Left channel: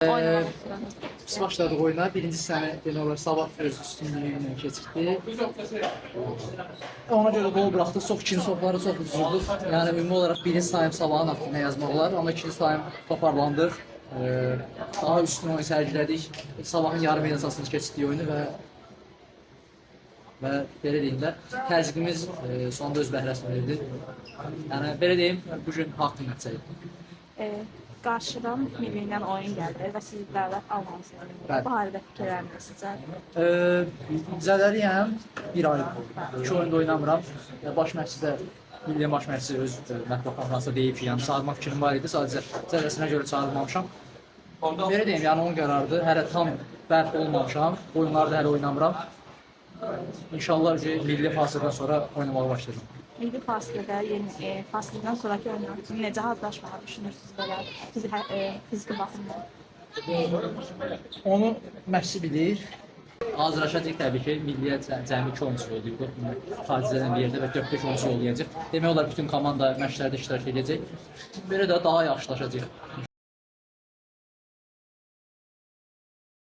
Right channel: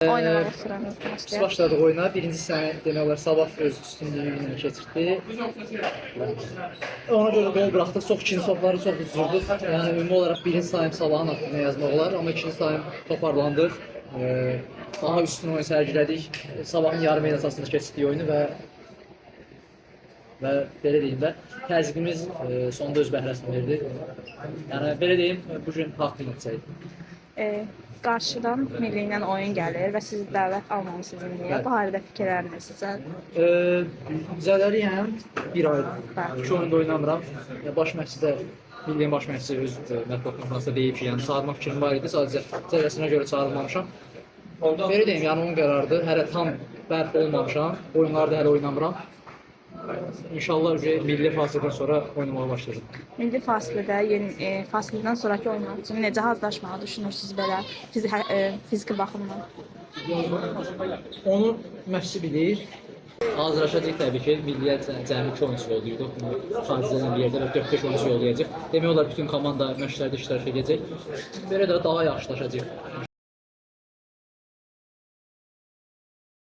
Oynamaq istəyirəm. Biz başladıq oyuna. Birinci səni demək olar Sabah öz üstünlüyü ilə keçirdi. Ona görə gol buraxdıq. Çox ikinci topları çox üzürdük. Yəni ümumi olaraq birinci sayım Sabahın haqqında yazmaq olar. Amma ikinci sayım toparlandıq. Daha üstün oyun sərgilədik. Sabahın yarım el əsasında keçirdiyi oyunu və belə deyim də təzyiqimiz sonunda öz bəhrəsini verdi. Yəni belə deyim, bu gün haqq nəticə idi. Qarşıdan milli ilə oyun gəlir və siz dəvət almamısınız milliyə. Bu barədə fikirləriniz sizə? Zədəliyəm, bir aydır. 2 oyunda oynamıram. Baş məşqçi də, milliyin baş məşqçisi öz mətbuat konferansında deyib ki, yəni çağırmaq fikrim var idi, sadəcə zədəsinə görə çağırılmamışam. Belə deyim, yəni onun qərarıdır. Hələ tam bərk olmamışam, oyunlarda hələ oynamıram. İnşallah milli fasilədən sonra oynamağa başlayacağım. Milli fasilədə, fasilədən sonraki oyunlar üçün necə hazırlaşmağı düşünürsünüz belə fiziki baxımdan? Onu məşqçi bilir. Hazırlaşacaq təbii ki, milliyə cəmi 2 oyunçu yollayırdıq. Xaricdən bir yerdə və 4-5 oyunçu yollayacaq. Demək olar bütün komanda məşqlərdə iştirak edəcək. Belə də daha yaxşılaşacaq.